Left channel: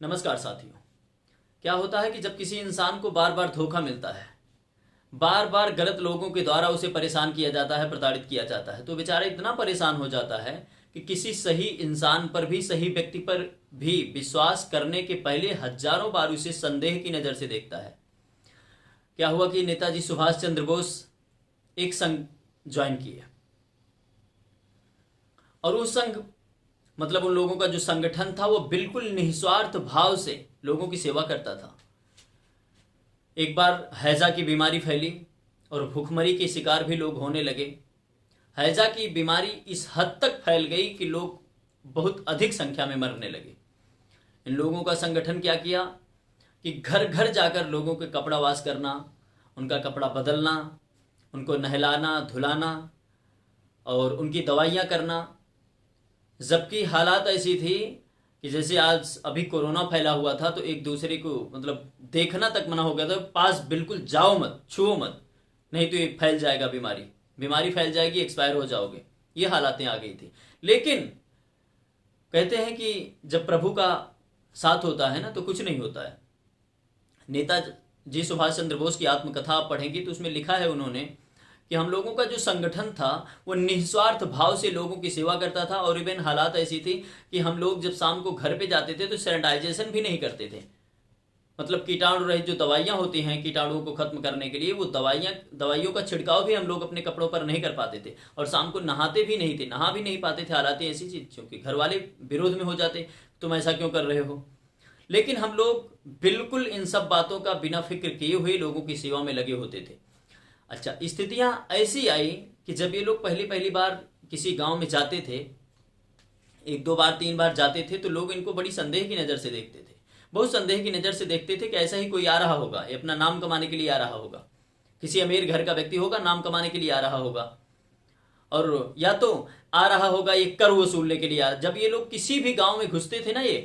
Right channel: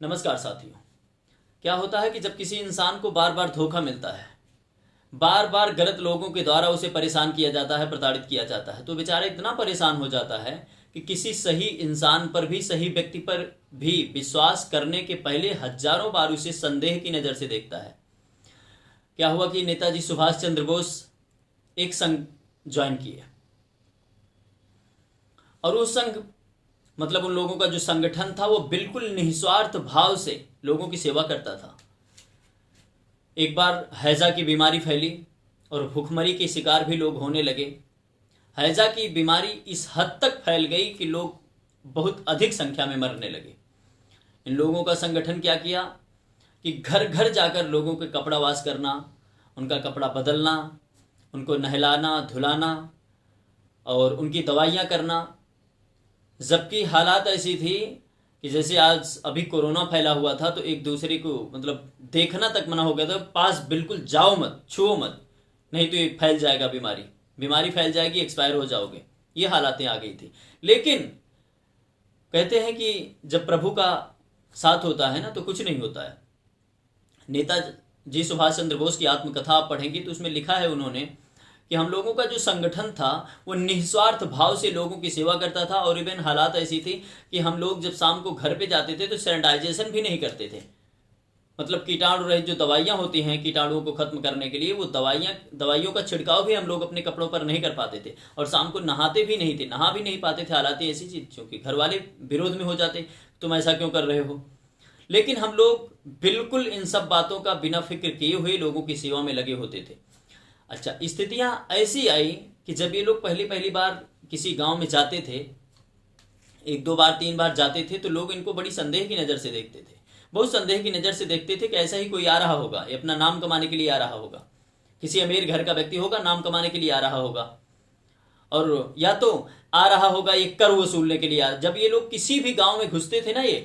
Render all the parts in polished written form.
नमस्कार साथियों। क्या होता है कि जब किसी इंसान को बार बार धोखा मिलता है, बार बार गलत लोगों के द्वारा उसे परेशान किया जाता है, प्रताड़ित किया जाता है, तो बेचारा इतना परेशान हो जाता है कि किसी सही इंसान पर भी, सही व्यक्ति पर भी विश्वास करने के पहले हजारों बार उसे संदेह की नजर से देखता है। क्या हुआ कि नेताजी सुभाष चंद्र बोस एक संघ ज्वाइन किए और उस संघ मतलब उन लोगों का जो संगठन था वो बिल्कुल निस्वार्थ भाव से लोगों की सेवा करता था। एक बार हैजा की बीमारी फैली और भूखमरी के शिकार भी लोग होने लगे। हैजा की बीमारी इस हद तक फैल गई कि लोग बहुत अधिक संख्या में मरने लगे। इन लोगों का संगठन क्या किया कि घर घर जाकर लोगों के कपड़ा वाश करना, उनका कपड़ा बदलना, उनको नहलाना धुलाना और उनकी दवाइयाँ करना। जबकि हालात ऐसी थी कि जैसे आज अभी कोरोना फैला हुआ था तो एक दूसरे को मतलब देखना तक मना हो गया था। पास बिल्कुल जाओ मत, छुओ मत, नहीं तो ये फैल जाएगा, बीमारी फैल जाएगी, एक्सपायर हो जाओगे। ये हालातें आ गई थी। लेकिन कहते हैं कि जब प्रभु का साथ होता है ना तो कुछ नहीं होता है। नेताजी सुभाष चंद्र बोस की आत्मकथा आप पढ़ेंगे तो उसमें लिखा है उन्होंने कि हम लोगों का जो संगठन था वो निस्वार्थ भाव से लोगों की सेवा करता था। और इवन हालात ऐसी थी कि हम लोग जब शाम को घर पे जाते थे तो सैनिटाइजेशन भी नहीं करते थे। मतलब कीटाणु रहित जो दवाइयाँ होती हैं कीटाणुओं को खत्म करने के लिए, वो दवाइयों का छिड़काव भी हम लोग अपने कपड़ों पर नहीं कर पाते थे। और शाम को नहाते भी नहीं थे, नहा भी नहीं पाते थे। हालात ऐसी चीज क्योंकि घर वाले विरोध में हो जाते, तुम ऐसा क्यों कर रहे हो। लेकिन हम लोग बिल्कुल इन सब बातों का बिना फिक्र किए हुए लोगों की सेवा में लगे होते थे। अच्छा, स्थितियां ऐसी आई कि जब ये लोग पहली पहली बार किसी गांव में जाते थे, एक दो बार तीन बार जाते थे, तो लोग इनको बड़ी संदेह की नजर से देखते थे। बहुत संदेह की नजर से देखते थे कि ऐसा ही कोई आ रहा होगा, ये अपना नाम कमाने के लिए आ रहा होगा, किसी अमीर घर का व्यक्ति होगा, नाम कमाने के लिए आ रहा होगा, और या तो आ रहा होगा ये कर वसूलने के लिए। जब ये लोग किसी भी गांव में घुसते थे ना ये,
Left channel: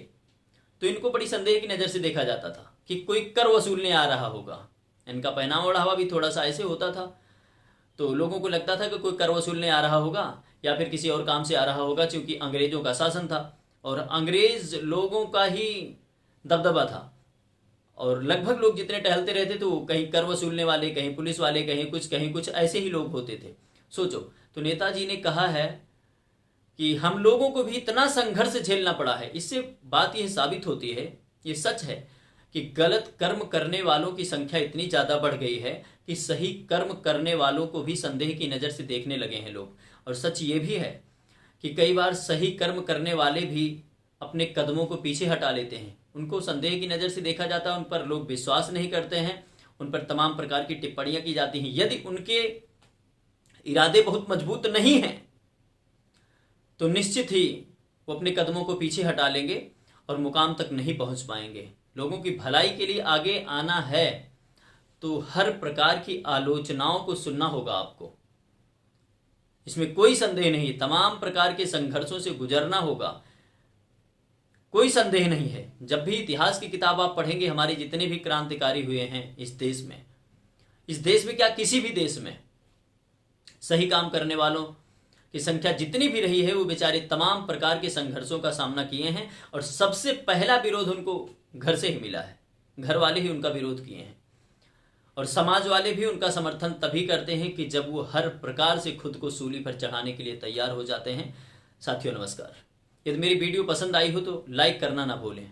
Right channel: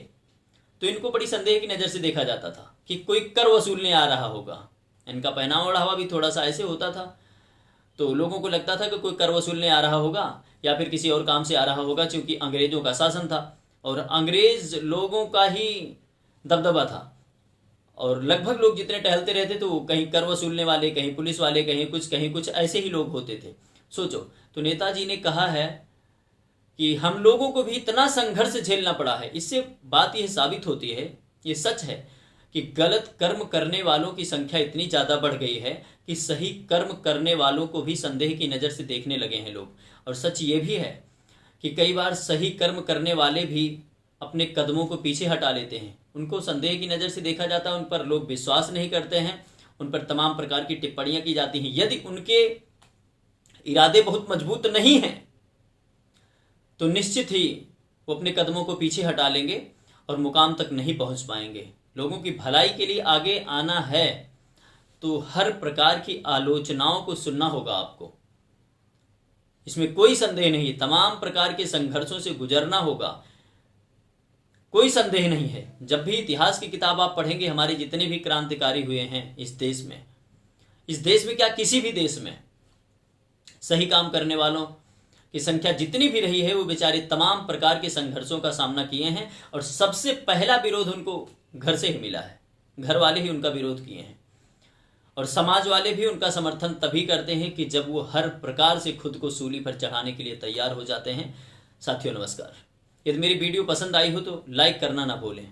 तो इनको बड़ी संदेह की नजर से देखा जाता था कि कोई कर वसूलने आ रहा होगा। इनका पहनावा ओढ़ावा भी थोड़ा सा ऐसे होता था, तो लोगों को लगता था कि कोई कर वसूलने आ रहा होगा या फिर किसी और काम से आ रहा होगा, क्योंकि अंग्रेजों का शासन था और अंग्रेज लोगों का ही दबदबा था। और लगभग लोग जितने टहलते रहते तो कहीं कर वसूलने वाले, कहीं पुलिस वाले, कहीं कुछ ऐसे ही लोग होते थे। सोचो, तो नेताजी ने कहा है कि हम लोगों को भी इतना संघर्ष झेलना पड़ा है। इससे बात यह साबित होती है, ये सच है कि गलत कर्म करने वालों की संख्या इतनी ज्यादा बढ़ गई है कि सही कर्म करने वालों को भी संदेह की नजर से देखने लगे हैं लोग। और सच ये भी है कि कई बार सही कर्म करने वाले भी अपने कदमों को पीछे हटा लेते हैं, उनको संदेह की नजर से देखा जाता है, उन पर लोग विश्वास नहीं करते हैं, उन पर तमाम प्रकार की टिप्पणियां की जाती हैं। यदि उनके इरादे बहुत मजबूत नहीं हैं तो निश्चित ही वो अपने कदमों को पीछे हटा लेंगे और मुकाम तक नहीं पहुंच पाएंगे। लोगों की भलाई के लिए आगे आना है तो हर प्रकार की आलोचनाओं को सुनना होगा आपको, इसमें कोई संदेह नहीं। तमाम प्रकार के संघर्षों से गुजरना होगा, कोई संदेह नहीं है। जब भी इतिहास की किताब आप पढ़ेंगे, हमारे जितने भी क्रांतिकारी हुए हैं इस देश में क्या किसी भी देश में सही काम करने वालों की संख्या जितनी भी रही है, वो बेचारे तमाम प्रकार के संघर्षों का सामना किए हैं। और सबसे पहला विरोध उनको घर से ही मिला है, घर वाले ही उनका विरोध किए हैं। और समाज वाले भी उनका समर्थन तभी करते हैं कि जब वो हर प्रकार से खुद को सूली पर चढ़ाने के लिए तैयार हो जाते हैं। साथियों नमस्कार। यदि मेरी वीडियो पसंद आई हो तो लाइक करना ना भूलें।